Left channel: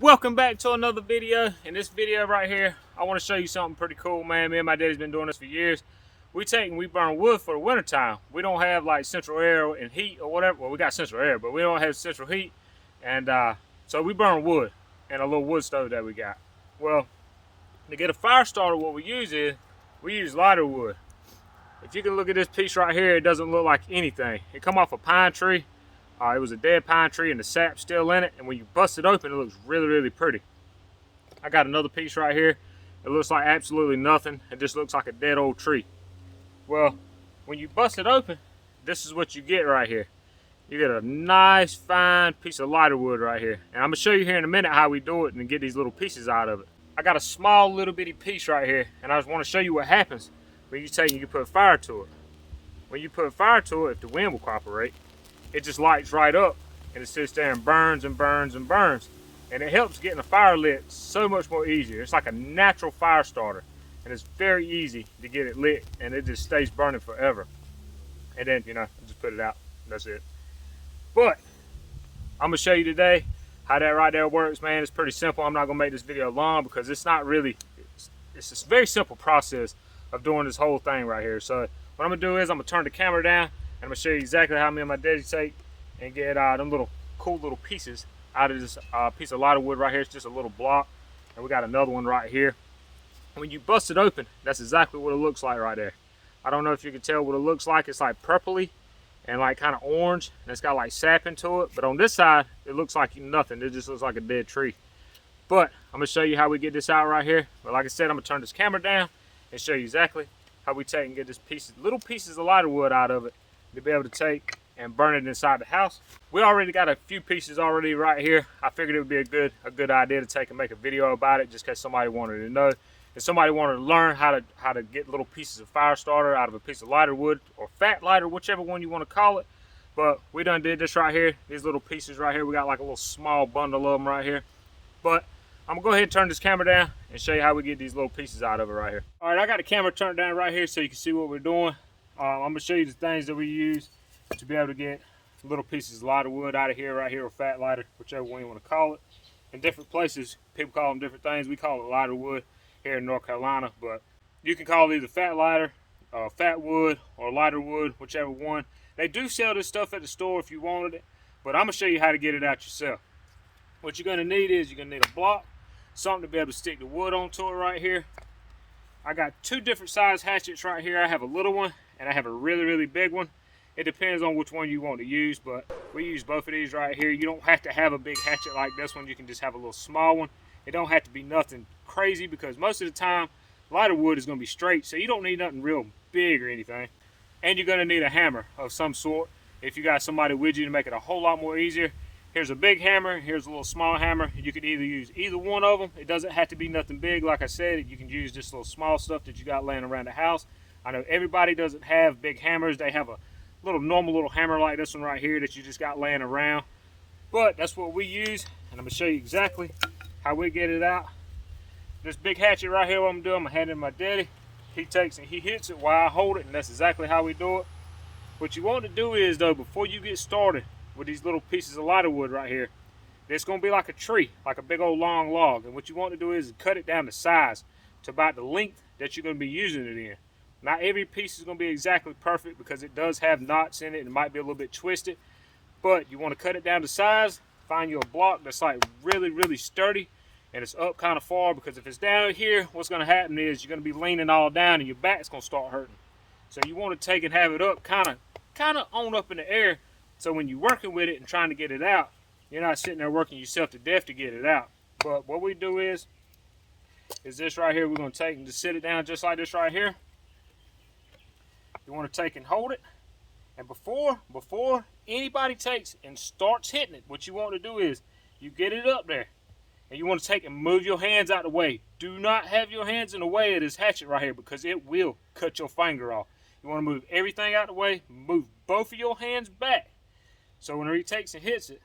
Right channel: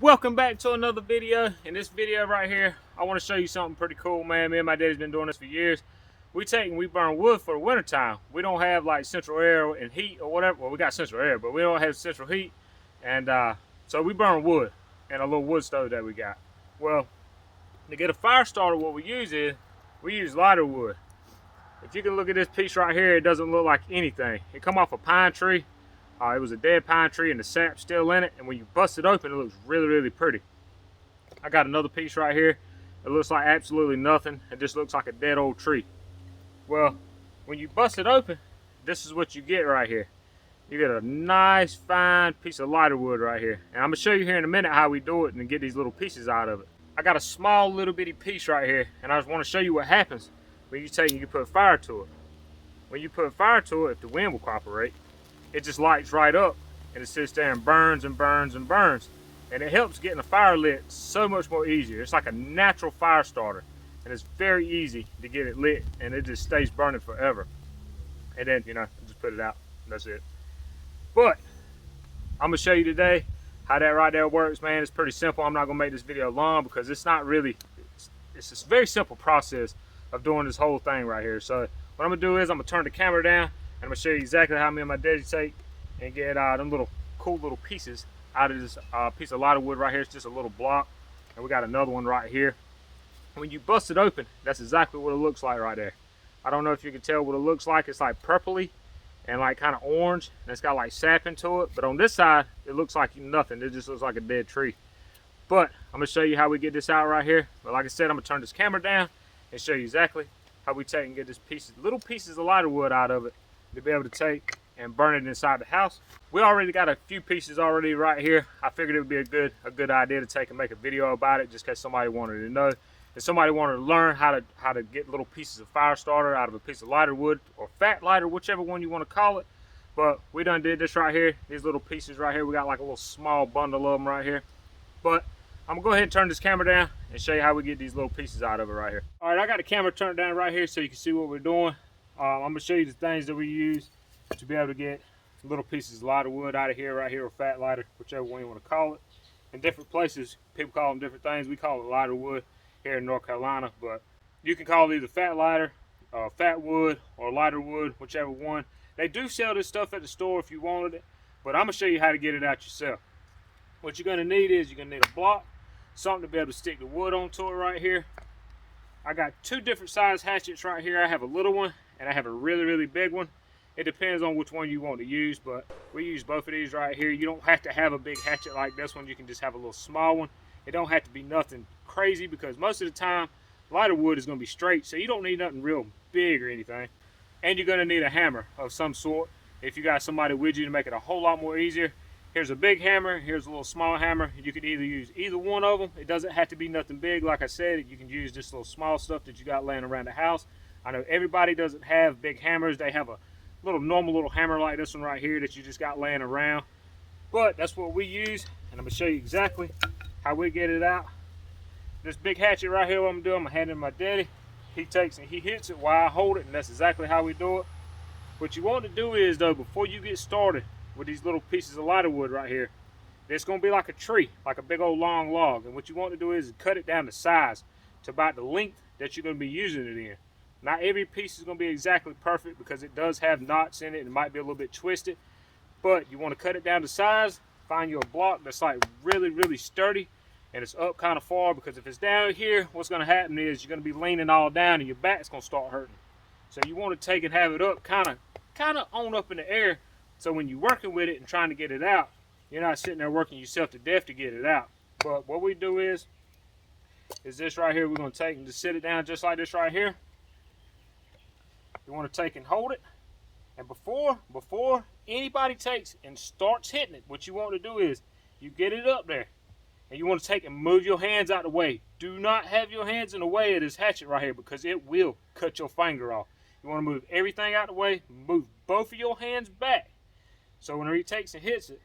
Welcome back to another video. In this video right here, I want to show you something pretty cool, man. Me and my daddy's been doing this for years. We burn wood for the winter time. We don't have like central air and heat or whatever. Well, we got central air, but we don't have central heat. And so we burn wood in a little wood stove that we got. Well, to get a fire starter, what we use lighter wood. If you can look at this piece right here, it doesn't look like anything. It come off a pine tree. It was a dead pine tree and the sap's still in it, and when you bust it open, it looks really, really pretty. I got another piece right here. It looks like absolutely nothing. It just looks like a dead old tree. Well, when you bust it open, this is what you get right here. You get a nice, fine piece of lighter wood right here. And I'm gonna show you here in a minute how we do it and get these little pieces out of it. I got a small little bitty piece right here, and I just wanna show you what happens when you take and you put fire to it. When you put fire to it, if the wind will cooperate, it just lights right up and it sits there and burns and burns and burns. And it helps getting a fire lit so much more easier. It's like a natural fire starter, and it's very easy to get it lit, and it just stays burning forever. And then, just put it out. That's it. But I'm gonna show you today how that right there works, man. It's pretty simple. I'm not gonna make this video long because it's not really, it's a very simple process of doing this whole thing right here. So what I'm gonna do is I'm gonna turn the camera down, I'm gonna show you exactly how me and my daddy take and get them little cool little pieces out of this piece of lighter wood right here. It's just a little block, and we got another one right here. When you bust it open, that's exactly what it looks like right there. I don't know if you can tell what it looks like. It's like purpley and like kind of orange, and it's got like sap into it. But on this side, it looks like nothing. It just looks like a dead tree. But I'm gonna show you how we get this out right here. But like I said, I'm gonna turn this camera down and show you exactly how we take and get this little pieces of lighter wood out of it, to be able to take and burn it inside the house. We already got a few pieces already right here. I figured it would be a good idea to take and make a video about it, just in case somebody wanted to know. If somebody wanted to learn how to get little pieces of fire starter out of a piece of lighter wood or fat lighter, whichever one you want to call it. But we done did this right here. These little pieces right here. We got like a little small bundle of them right here. But I'm gonna go ahead and turn this camera down and show you how we get these little pieces out of it right here. All right, I got the camera turned down right here so you can see what we're doing. I'm gonna show you the things that we use to be able to get little pieces of lighter wood out of here right here, or fat lighter, whichever one you want to call it. In different places, people call them different things. We call it lighter wood here in North Carolina, but you can call it either fat lighter, fat wood, or lighter wood, whichever one. They do sell this stuff at the store if you wanted it, but I'm gonna show you how to get it out yourself. What you're gonna need is you're gonna need a block, something to be able to stick the wood onto it right here. I got two different size hatchets right here. I have a little one and I have a really, really big one. It depends on which one you want to use, but we use both of these right here. You don't have to have a big hatchet like this one. You can just have a little small one. It don't have to be nothing crazy, because most of the time lighter wood is going to be straight, so you don't need nothing real big or anything. And you're going to need a hammer of some sort if you got somebody with you to make it a whole lot more easier. Here's a big hammer, here's a little small hammer. You could either use either one of them. It doesn't have to be nothing big. Like I said, you can use just little small stuff that you got laying around the house. I know everybody doesn't have big hammers. They have a normal little hammer like this one right here that you just got laying around. But that's what we use, and I'm gonna show you exactly how we get it out. This big hatchet right here, what I'm doing, I'm gonna hand it to my daddy. He takes and he hits it while I hold it, and that's exactly how we do it. What you want to do is, though, before you get started with these little pieces of lighter wood right here, it's gonna be like a tree, like a big old long log. And what you want to do is cut it down to size to about the length that you're gonna be using it in. Not every piece is going to be exactly perfect, because it does have knots in it and it might be a little bit twisted. But you want to cut it down to size. Find you a block that's like really, really sturdy, and it's up kind of far, because if it's down here, what's going to happen is you're going to be leaning all down and your back's going to start hurting. So you want to take and have it up kind of on up in the air, so when you're working with it and trying to get it out, you're not sitting there working yourself to death to get it out. But what we do is this right here. We're going to take and just sit it down just like this right here. You want to take and hold it, and before anybody takes and starts hitting it, what you want to do is you get it up there, and you want to take and move your hands out of the way. Do not have your hands in the way of this hatchet right here, because it will cut your finger off. You want to move everything out of the way, move both of your hands back, so whenever he takes and hits it,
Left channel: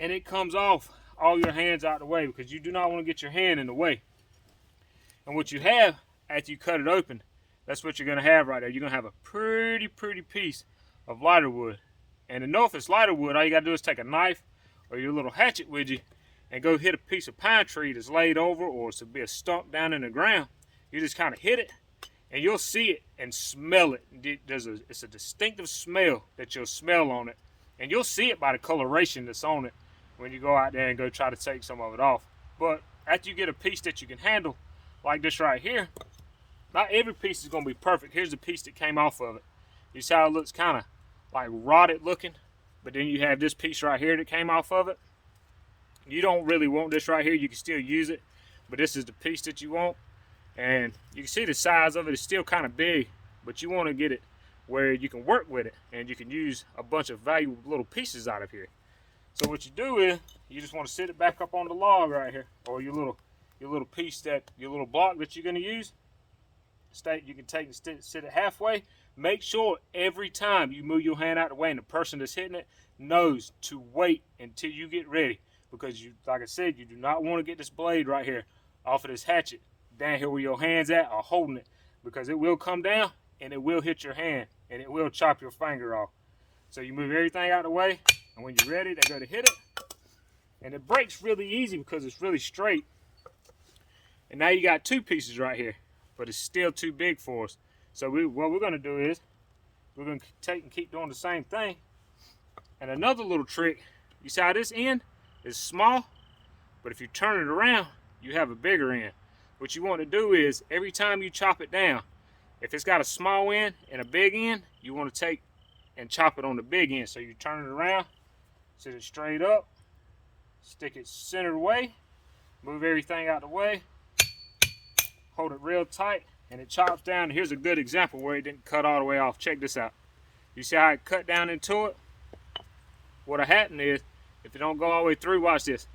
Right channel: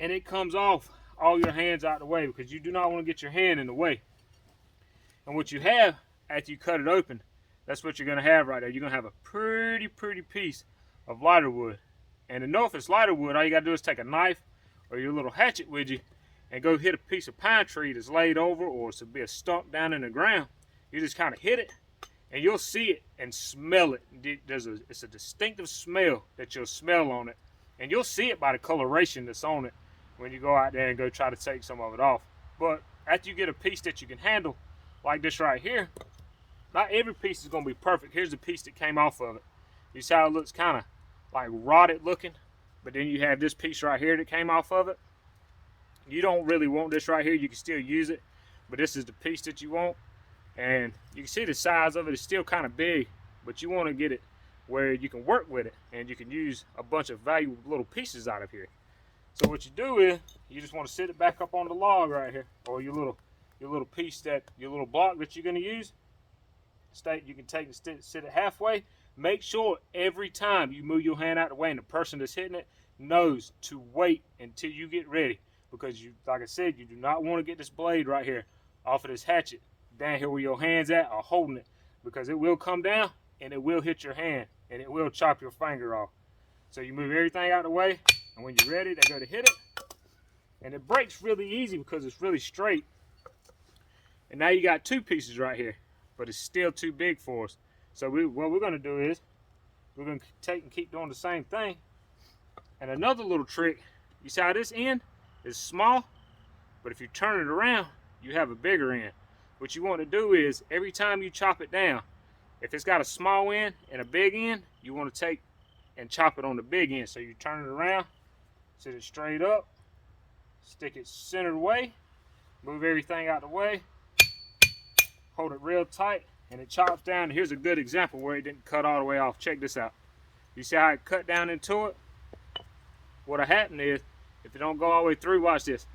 and it comes off, all your hands out of the way, because you do not want to get your hand in the way. And what you have after you cut it open, that's what you're going to have right there. You're going to have a pretty piece of lighter wood. And to know if it's lighter wood, all you got to do is take a knife, or your little hatchet with you and go hit a piece of pine tree that's laid over, or it's be a stump down in the ground, you just kind of hit it and you'll see it and smell it. It's a distinctive smell that you'll smell on it, and you'll see it by the coloration that's on it when you go out there and go try to take some of it off. But after you get a piece that you can handle, like this right here, not every piece is going to be perfect. Here's the piece that came off of it. You see how it looks kind of like rotted looking, but then you have this piece right here that came off of it. You don't really want this right here. You can still use it, but this is the piece that you want. And you can see the size of it is still kind of big, but you want to get it where you can work with it and you can use a bunch of valuable little pieces out of here. So what you do is you just want to sit it back up on the log right here, or your little piece, your little block that you're going to use. You can take and sit it halfway. Make sure every time you move your hand out of the way and the person that's hitting it knows to wait until you get ready, because you, like I said, you do not want to get this blade right here off of this hatchet down here where your hands at are holding it, because it will come down and it will hit your hand and it will chop your finger off. So you move everything out of the way, and when you're ready, they go to hit it, and it breaks really easy because it's really straight. And now you got two pieces right here, but it's still too big for us. So what we're going to do is we're going to take and keep doing the same thing. And another little trick, you see how this end is small, but if you turn it around, you have a bigger end. What you want to do is every time you chop it down, if it's got a small end and a big end, you want to take and chop it on the big end. So you turn it around, sit it straight up, stick it centered away, move everything out of the way, hold it real tight, and it chops down. Here's a good example where it didn't cut all the way off. Check this out. You see how it cut down into it? What'll happen is, if it don't go all the way through, watch this.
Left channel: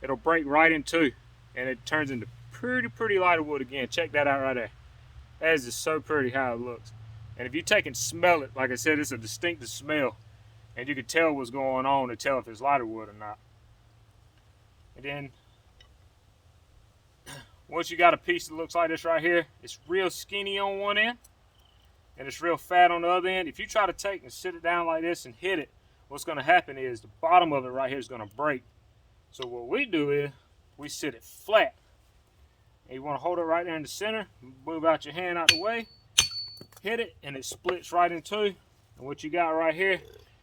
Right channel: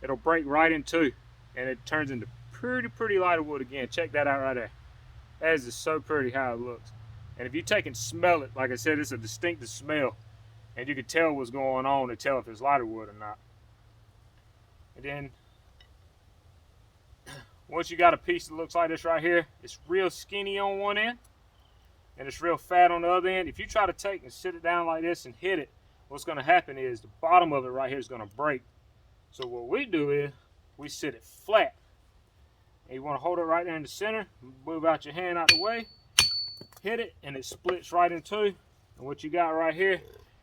It'll break right in two, and it turns into pretty lighter wood again. Check that out right there. That is just so pretty how it looks. And if you take and smell it, like I said, it's a distinctive smell, and you can tell what's going on to tell if it's lighter wood or not. And then once you got a piece that looks like this right here, it's real skinny on one end and it's real fat on the other end. If you try to take and sit it down like this and hit it, what's going to happen is the bottom of it right here is going to break. So what we do is we sit it flat, and you want to hold it right there in the center, move out your hand out the way, hit it, and it splits right in two. And what you got right here,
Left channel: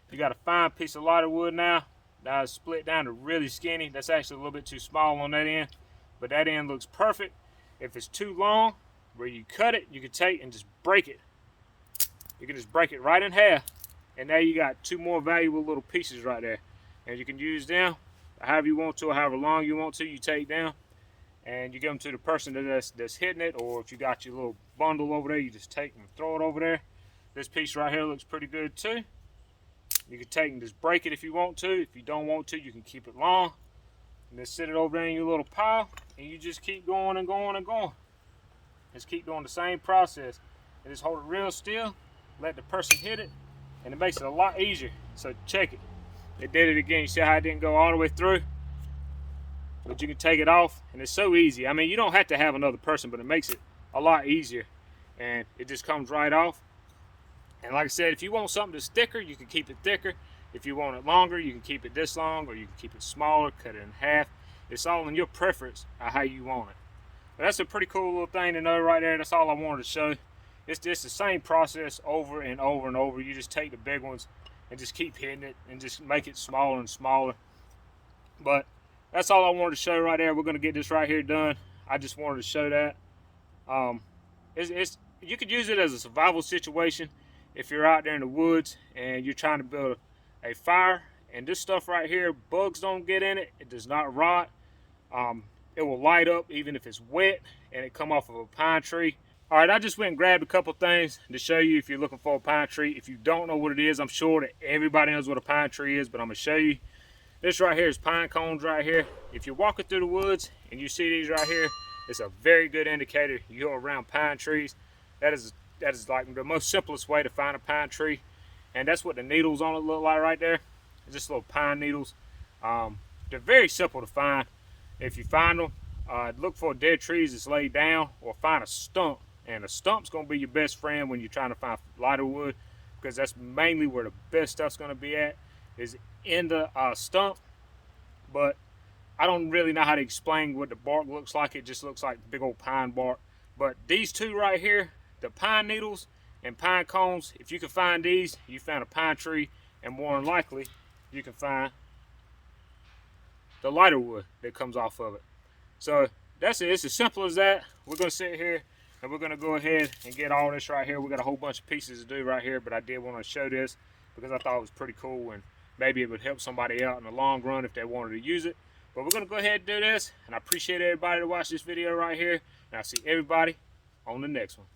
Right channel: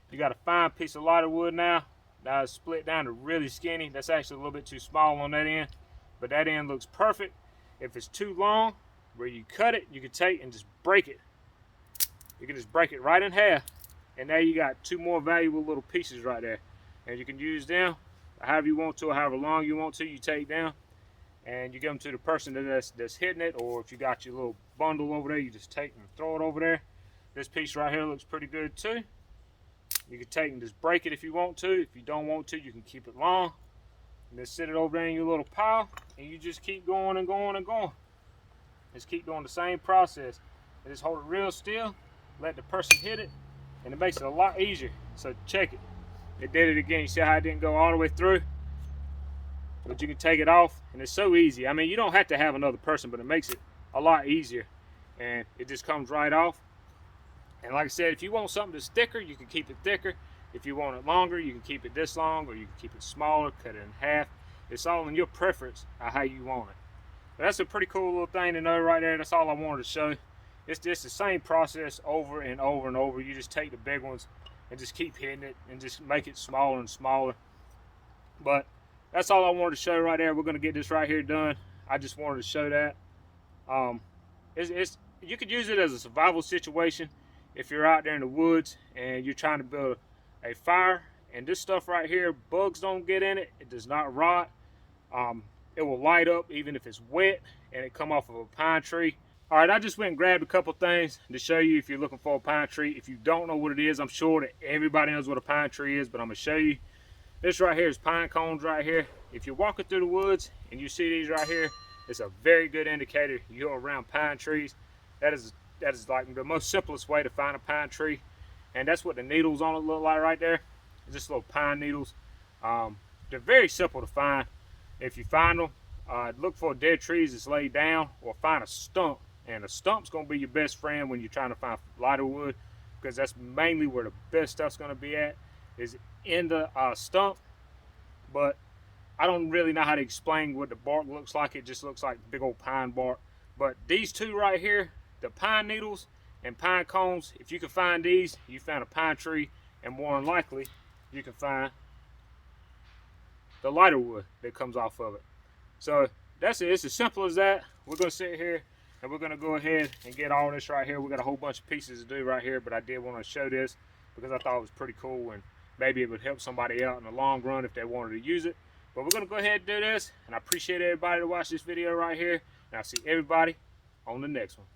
you got a fine piece of lighter wood now. Now it's split down to really skinny. That's actually a little bit too small on that end, but that end looks perfect. If it's too long, where you cut it, you can take and just break it. You can just break it right in half, and now you got two more valuable little pieces right there. And you can use them however you want to, or however long you want to. You take them and you give them to the person that's hitting it, or if you got your little bundle over there, you just take them and throw it over there. This piece right here looks pretty good too. You can take and just break it if you want to. If you don't want to, you can keep it long and just sit it over there in your little pile, and you just keep going and going and going. Just keep doing the same process, and just hold it real still, let the person hit it, and it makes it a lot easier. So check it. It did it again. You see how it didn't go all the way through? But you can take it off, and it's so easy. I mean, you don't have to have another person, but it makes it a lot easier, and it just comes right off. And like I said, if you want something that's thicker, you can keep it thicker. If you want it longer, you can keep it this long, or you can keep it smaller, cut it in half. It's all in your preference of how you want it. But that's a pretty cool little thing to know right there. That's all I wanted to show. It's just the same process over and over and over. You just take the big ones and just keep hitting it and just make it smaller and smaller. But that's all I wanted to show right there. We're going to get this right here done. I just wanted to show that. You could use it as a survival situation if you're out there in the woods and you're trying to build a fire. And this stuff right here, bugs don't get in it. It does not rot. It will light up even if it's wet and it come off of a pine tree. All right, I just went and grabbed a couple things to show you if you're looking for a pine tree. If you don't know what it is, I'm sure that everybody knows what a pine tree is, but I'm gonna show you. This right here is pine cones right here. If you're walking through the woods and you see these right here, it's a very good indicator you're around pine trees. That is like the most simplest way to find a pine tree. And that's what the needles on it look like right there. It's just little pine needles. They're very simple to find. If you find them, look for dead trees that's laid down, or find a stump. And a stump's going to be your best friend when you're trying to find lighter wood, because that's mainly where the best stuff's going to be at, is in the stump, but I don't really know how to explain what the bark looks like. It just looks like big old pine bark. But these two right here, the pine needles and pine cones, if you can find these, you found a pine tree, and more than likely, you can find the lighter wood that comes off of it. So that's it. It's as simple as that. We're going to sit here and we're going to go ahead and get all this right here. We got a whole bunch of pieces to do right here, but I did want to show this because I thought it was pretty cool, and maybe it would help somebody out in the long run if they wanted to use it. But we're going to go ahead and do this, and I appreciate everybody to watch this video right here, and I'll see everybody on the next one.